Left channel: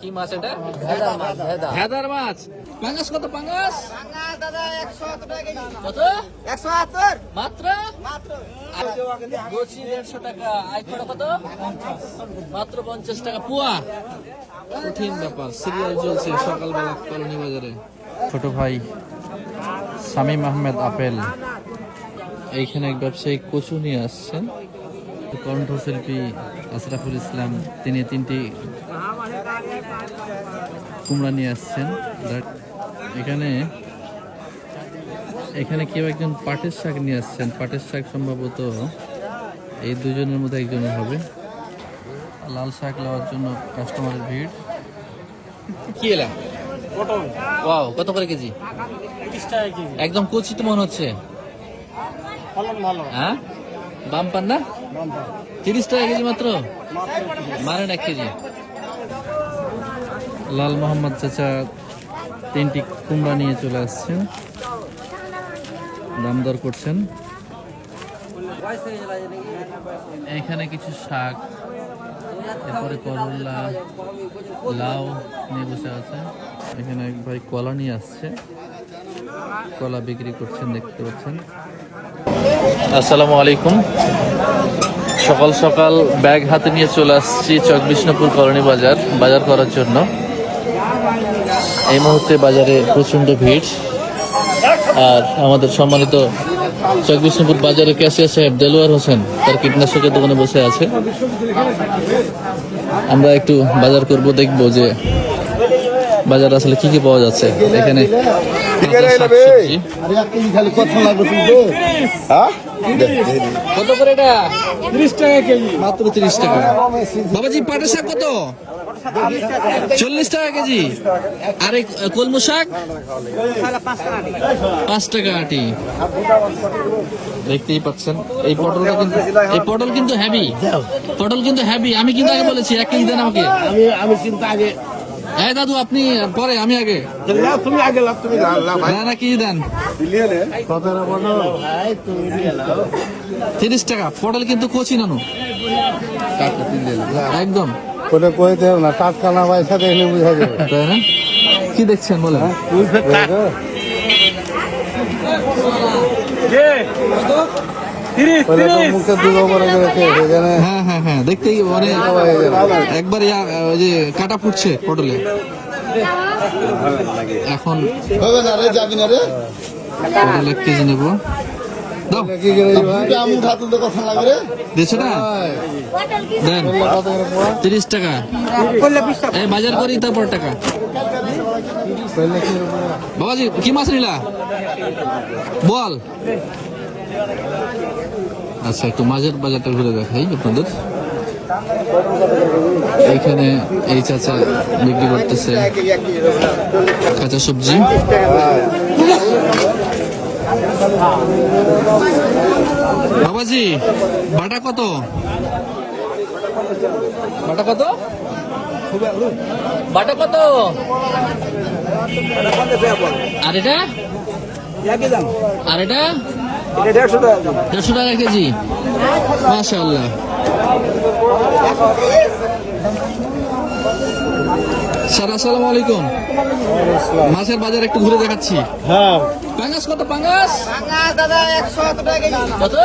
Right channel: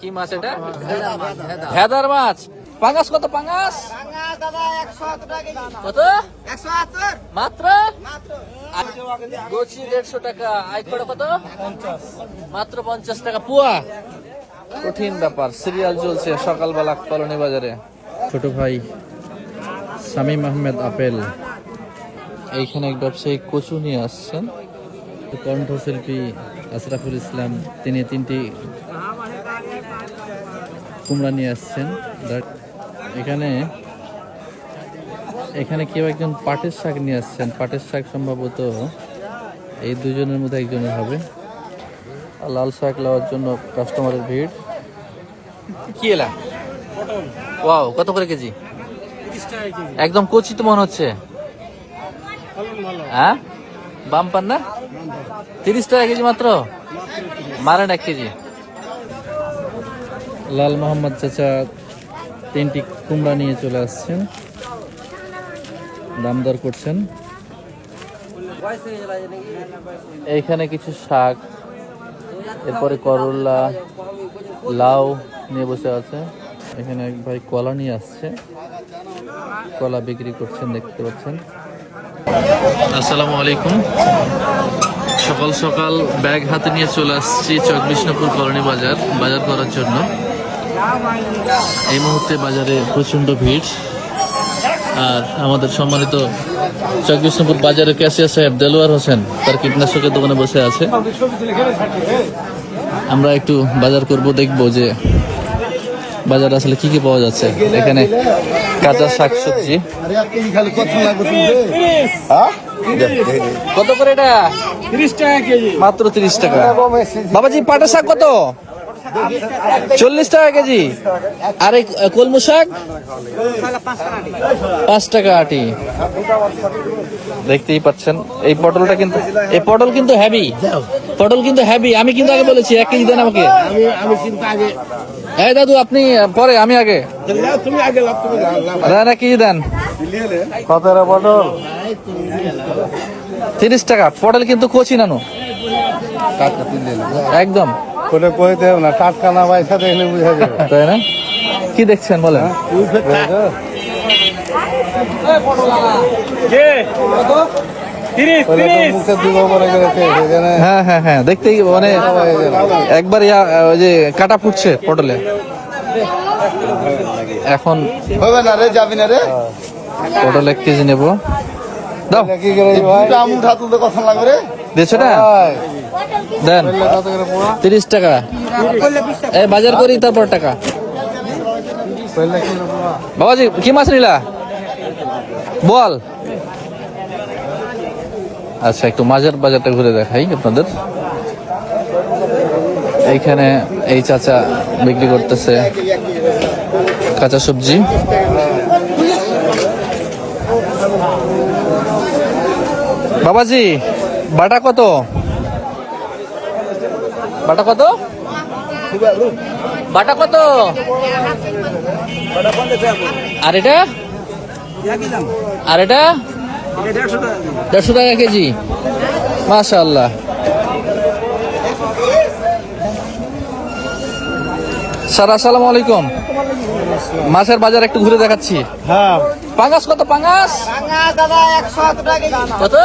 কি মাছ এটা? ভেদার মাছ। পাঙাশ কত? পাঙাশ কত? 170 মাত্র গোছি 150 টাকা। আইকড়া কত? মাত্র 50 টাকা পুয়া। কঠিন ব্যাপার। সিরিয়াল চলছে সকালবেলা কলোনি বাজারে। ছোট ভাই শামীম আহমেদ আপেল এইখানে এক ব্যবসায়ী কচু নিয়ে আসছেন। কণ্ঠশিল্পী আশরাফুল ইসলাম তিনি 3টি কুমড়া নিয়ে আসছেন। এখানে কেউ একজন পাটের শাক নিয়ে আসছেন। পাটের শাক সম্ভবত এই দুজনের মধ্যে একজনের হবে। লাল শাক নেওয়ার জন্য কাস্টমারের ভিড়। কি এলাম? ওয়াও, কত করে কেজি? 30 টাকা কেজি। একদম কচি তো মনে হচ্ছে। হ্যাঁ, বাম পান না? 30 টাকা কেজি মাত্র? মারেন 1 কেজি। লাল মোহাম্মদ চাচা 3টি কুমড়া নিয়ে চলে আসছেন, দাম দর করছেন। এইখানে কিছু শাক, এরপরে করলা, লাউ নিয়ে বসে আছে। এখানে এক ভাই কলা নিয়ে আসছে, কলা বিক্রি করছেন, দেখতে পাচ্ছেন। আসসালামু আলাইকুম। সকাল সকাল ব্যাগ হাতে নিয়ে চলে আসছি চক বিষ্ণুপুর কলোনি বাজার করার জন্য। এই মুহূর্তে বাজারে প্রচন্ড ভিড়। আর আমাদের সম্মানিত চক বিষ্ণুপুর বাজারের ক্যাশিয়ার সাহেব দেলোয়ার হোসেন তার কীটনাশকের দোকানে বসে আছে। আমরা একটু বাজার করব, দেখবো যে বাজারে আসলে কি কি পাওয়া যাচ্ছে। এখানে কাঁচা শাকসবজি। কত করে এটা? 30 টাকা কেজি। মাত্র 30 টাকা। বাবাজি, পাটের শাক কত? 40 টাকা কেজি। আর এই কলমু শাক 5 টাকা আটি। দেখতেই পাচ্ছেন এই পটলটা কিন্তু, এই পটল কিন্তু হেভি। পটল কিন্তু হেভি। আমি কিন্তু আগে বলেছি 1 কেজি দেন আমাকে। আমি কিন্তু আগে। এই দাদু আপনি পরে, আমি আগে। তুমি আগে লাভ, তুমি দেন 1 কেজি দেন। 30 টাকা। পটল কিন্তু কচি নানু, একদম। ওটা কইতে হবে না, টাটকা না পয়সা দেখলে বুঝা যাবে, তাই না? কি দেখছেন বলেন? মুখে দুটো করে গেছে সেখানে। হ্যাঁ হ্যাঁ হ্যাঁ, দেখতেই মানে একবার ওই যে কাটা ফুটছে পটলে। এখন হবে না রে, যাবি না রে। পটল 1 কেজি নেবো। দাও, কি করে ভাই? আমু ধাতু তো কথা লাগবে রে। দিচ্ছে না? দেন 30 টাকা। এই বাজার করি তারপর টাকা। বাবাজি, কি মাছ নিলা বল? আচ্ছা, একটু মাছের বাজারটা ঘুরে দেখাই আপনাদের। এইখানে এই চাচা বিক্রি করতেছে কাঁচা সবজি। বাবাজি, বাটা কত? বাটা কত? বাটা কত? আর এটা? আর এটা 150 টাকা কেজি। মাশাআল্লাহ। স্যার আসসালামু আলাইকুম। মাছের বাজার একটু ঘুরে দেখাচ্ছি। হ্যাঁ, পাঙাশ কত? পাঙাশ দাদা 170 টাকা কেজি। কত?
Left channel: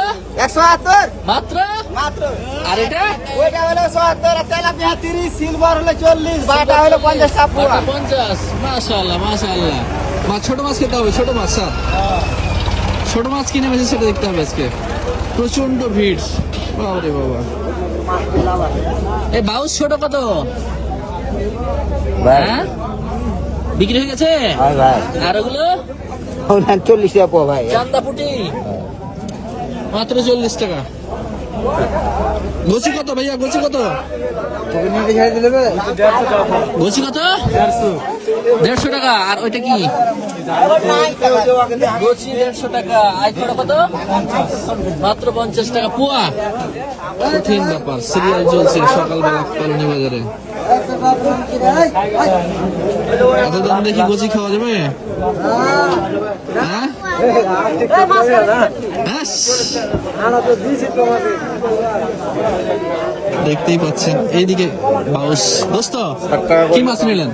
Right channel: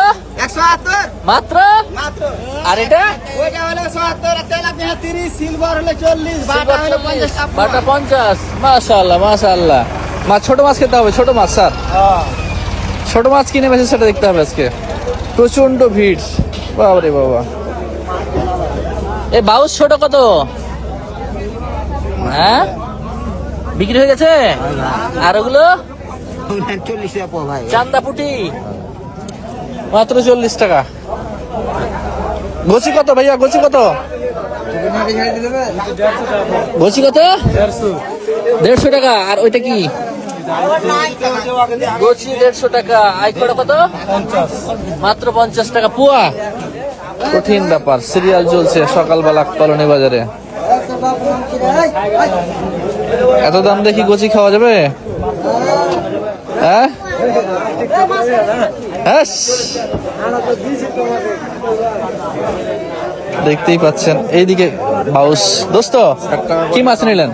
170 মাত্র। মাত্র। আর এটা? ওইটা হলো 70, আর তেলাপিয়া 30, সিলভার হলো 40, বাটা হলো 50 টাকা পোয়া। 50। মাশাআল্লাহ মাশাআল্লাহ। মাছ, ছোট মাছ খেতে হবে, ছোট মাছ স্যার। ছোট মাছ কিনে বেশি সেটা দেখতে হবে আজকে। প্রচন্ড ভিড়, বাবারে বাবা। এই বাউস ছোট কত? হ্যাঁ, বিক্রি হয়ে গেছে? আর ওগুলো 40 টাকা পোয়া ভাই। চান্দা পুটি মাত্র 40 টাকা। গোছি কত ভাইয়া? গোছি কত? গোছি কত? 150 টাকা। আর ওইটা কি? গোছি 150 টাকা। আইকড়া কত? মাত্র 50 টাকা পুয়া। কঠিন ব্যাপার। সিরিয়াল চলছে সকালবেলা কলোনি বাজারে। এত দাম দেখি গোছি খাওয়া যাবে? হ্যাঁ, দেখতেই পাচ্ছেন এইদিকে বাউস। দোস্ত কি মাছ নিলেন?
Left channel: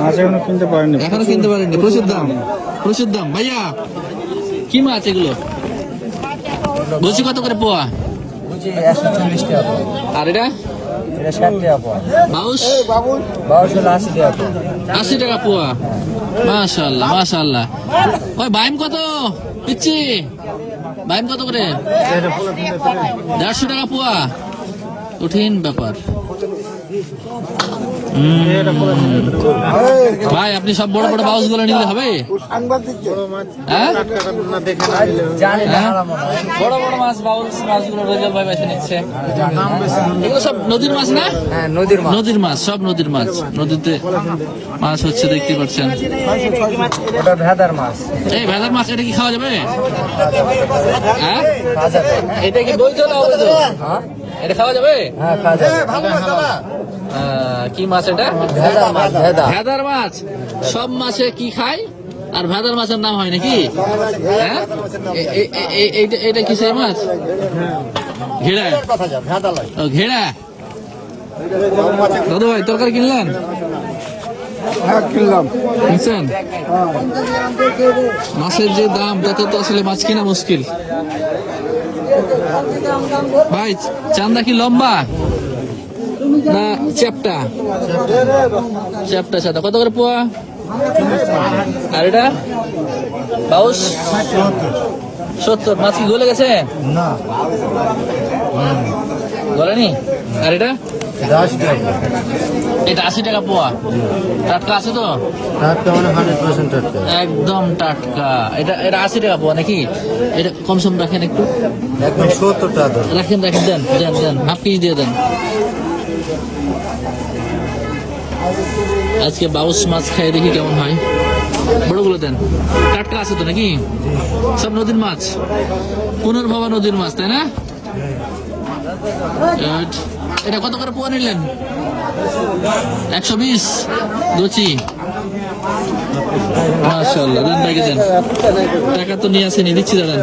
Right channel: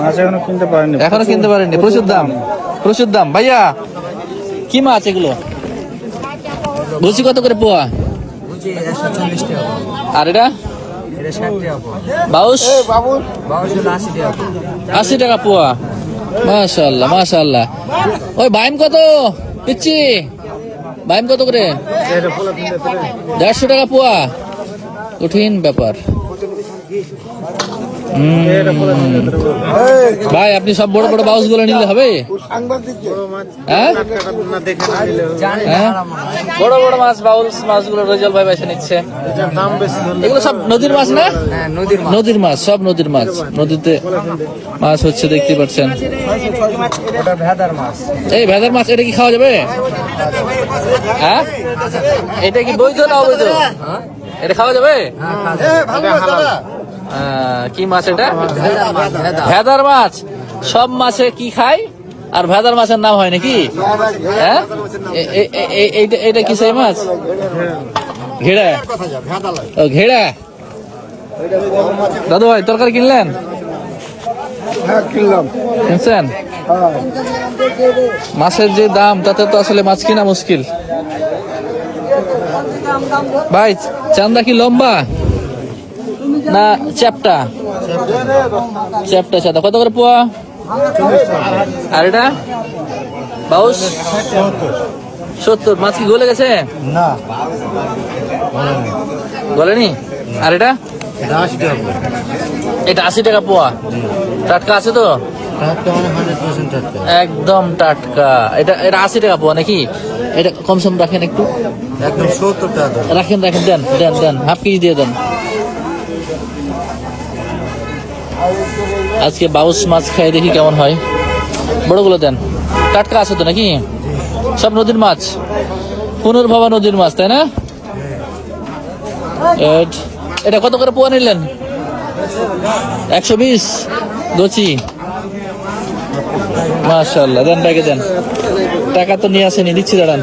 মাছ এখনো কিনতে পারেনি। এখনো কিনতে পারেননি, প্রচুর দাম, প্রচুর দাম। ভাইয়া কি মাছ এগুলো? রুচি কত করে পোয়া? আর এটা বাউস? 80 টাকা পোয়া। মাশাআল্লাহ মাশাআল্লাহ। ওই বাইম কত পিচ্ছি? বাইম কত করে? 150 টাকা পোয়া। কঠিন ব্যাপার। ভাই আপনি সব বড় বড় বাউস গুলো নিলে হবে? হ্যাঁ? হ্যাঁ? বড় বড় মাছ, বাউস মাছগুলো রেজাল ভাই বেছে নিচ্ছে। এগুলো সব নদীর মাছ না? নদীর মাছ, সব নদীর মাছ। নদীতে মাছ হচ্ছে, দেখতে পাচ্ছেন। এই ভেদার মাছ, এটা কি খাওয়া যাবে? হ্যাঁ, এটা কি বৈধ না অবৈধ? এটা খাওয়া যাবে? কি মাছ এটা? ভেদার মাছ। সব মাছে কি খায় আর ভেদার মাছের নাম হয় নাকি? হ্যাঁ, এটা কি সেই মাছ? ঘেড়া। ও ঘেড়া। দাদু ভাই তরকারি কিনলেন? হ্যাঁ কিনলাম। বুঝছেন মাছের যে দাম, তাতে তো আসলে মাছ কিনা মুশকিল। ভাই চান্দা কি লম্বা না চ্যাপটা? চ্যাপটা চাঁদা কত করে পোয়া? আর এটা বাউস 70। মাছ কি গলে গেছে? না গলেনি। আর এটা? এটা 80 টাকা পোয়া। টাটকা আছে তো? একদম টাটকা। এটা 80 টাকা পোয়া নাকি? এটা কম সম রাখেন একটু। একদম 70 টাকা। রাখেন রাখেন, দেন দেন দেন, হাফ কেজি দিয়ে দেন। আজকে বাউস মাছ খাই দেখি কেমন হয়। বড়গুলো দেন। টাটকা আছে তো নাকি? সব নদীর মাছ, পুনর্ভবা নদীর মাছ, তাই না? এটা কত করে পোয়া নিলেন? 120 গচি। মাশাআল্লাহ, দেন ব্যাগে দেন। টাকা তো নিয়ে আসেনি, দিচ্ছি দাঁড়ান।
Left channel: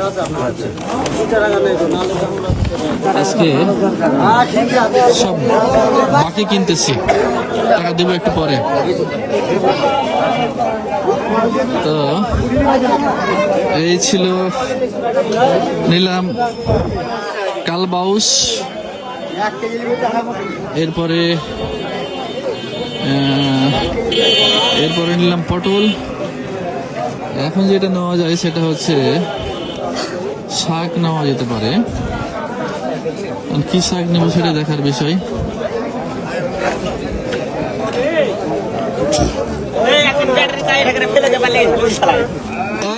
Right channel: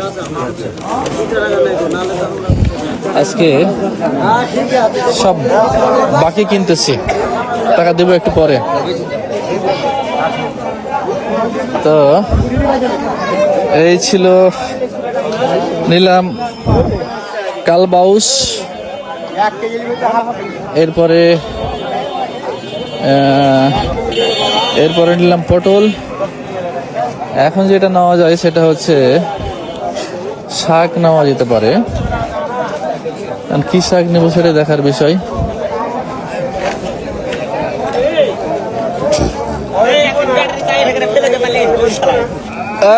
আজকে সব বাকি কিনতেছি, টাকা দেবো একটু পরে। তো এই ছিল, নিলাম কালবাউস, এরপরে নিলাম পটল। এখন যেটা নেওয়া যায় সেটা হচ্ছে শাক নেওয়া যেতে পারে। কি শাক নেবো সেটা দেখার বিষয়।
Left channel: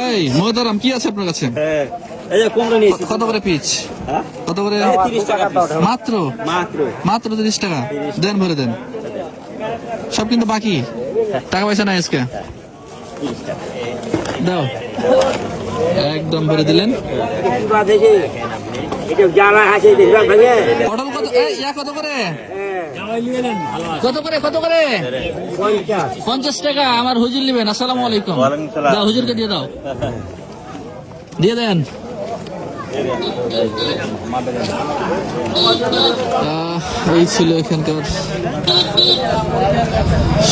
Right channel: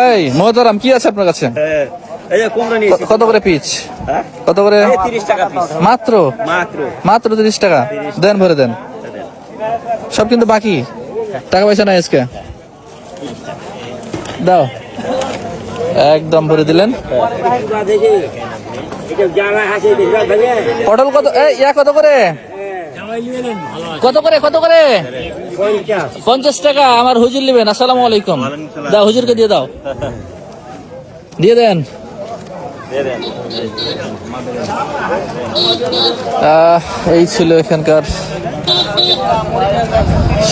এই মোহতারাম, কি আছে আপনার কাছে? কত করে পিচ? কত করে? মাত্র মাত্র 30 টাকা। দেন, ভরে দেন। সব কিন্তু বাকি, টাকা পয়সা নাই আজকে। দাও, একদম ভরে দিলেন। পটল কত? কত করে? কত করে? কত করে? 50 টাকা। আমার হুজুর নেবেন। আসসালামু আলাইকুম। দাও, হুজুরকে দিয়ে দাও, দিয়ে দেন। এই ছিল এখানকার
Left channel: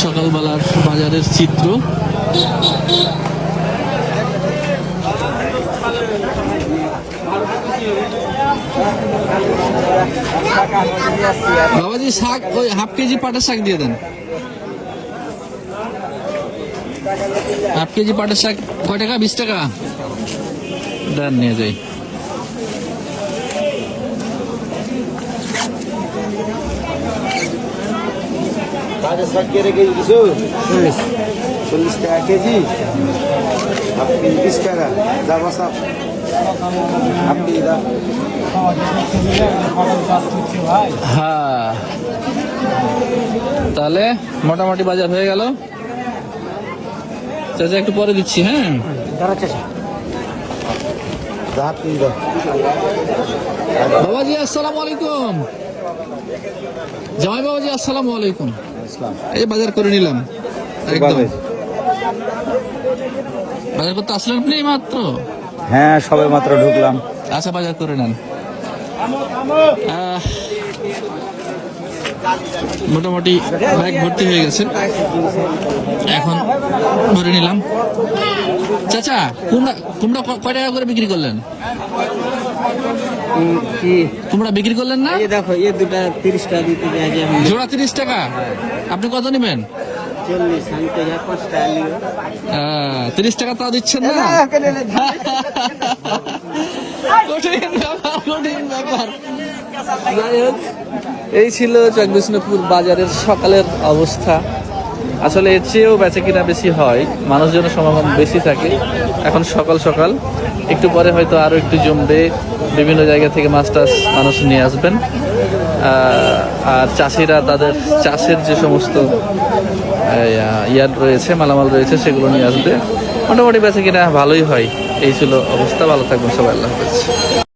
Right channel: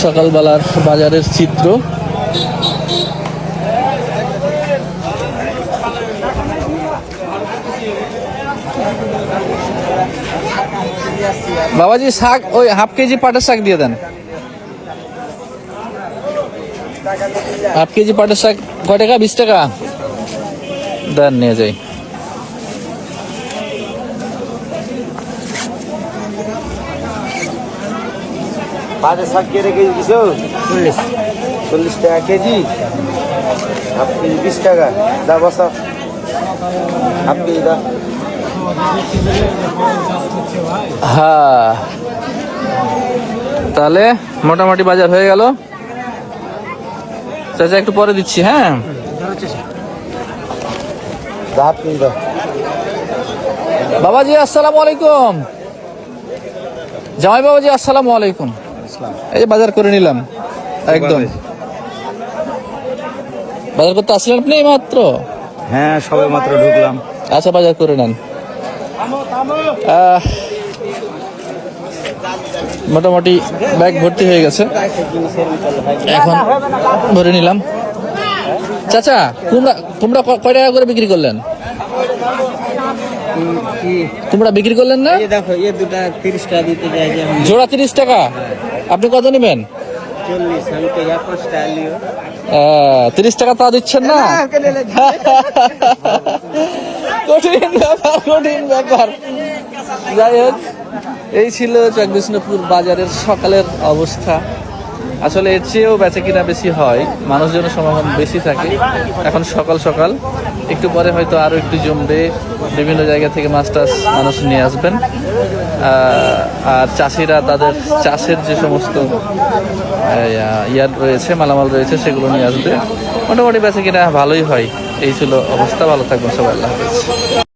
সকালবেলার বাজারের চিত্র। বাবাজি শাক, ওই হাফ কেজি পাটের শাক দিয়ে দেন। হাফ কেজি পাটের শাক কয় টাকা? 20 টাকা। দেন, নিয়ে যাই। পাটের শাক কে রেখে দিছো? 40 টাকা কেজি। 20 টাকা। যা বসা। আপনি দা। হ্যাঁ, তাহলে মোটামুটি বাজার হয়ে গেল। চাচা একটু পরে দিচ্ছি। হ্যাঁ, বাবাজি আসসালামু আলাইকুম। জামাই বাবাজি আসসালামু আলাইকুম। এই যে বাজার করে নিলাম একদম। বাজার করতে আসলেন আপনি মাত্র? হ্যাঁ, সবে মাত্র ঢুকলাম। আচ্ছা, বাজার করে নেন। মোটামুটি ব্যাগ ভর্তি হয়ে গেছে, এখন ভরে নিলাম। চাচা কুমড়া কুমড়া কয় টাকা করে বিক্রি করলেন? কুমড়া বিক্রি করলেন না? দেখো এ দুটা 30 টাকা দিতে যায় যে জোড়া 30 টাকা। আপনি কত নেবেন? 40 আমি তো 5 টাকা লিও 30 টাকা তা দিচ্ছেন না? কঠিন ব্যাপার, কঠিন ব্যাপার। যাই হোক, এই ছিল জগদীশপুর বাজারের সকালের অবস্থা। আসলে এর চেয়েও বেচা কিনা বেশি হয়, মানুষজনের সমাগম বেশি থাকে। এখন সকাল সকাল, একটু পরে হয়তো আরো একটু জমবে, বিভিন্ন জায়গা থেকে মাছ টাছ মানুষ নিয়ে আসবেন। আর চাষিরা তাদের চাষের যে সমস্ত ইয়ার রয়েছে, মালামাল রয়েছে, সেগুলো নিয়ে আসবে। মোটামুটি বেচা কিনা ভালোই হয়। এই ছিল অবস্থা। ভালো থাকবেন সবাই, আল্লাহ হাফেজ।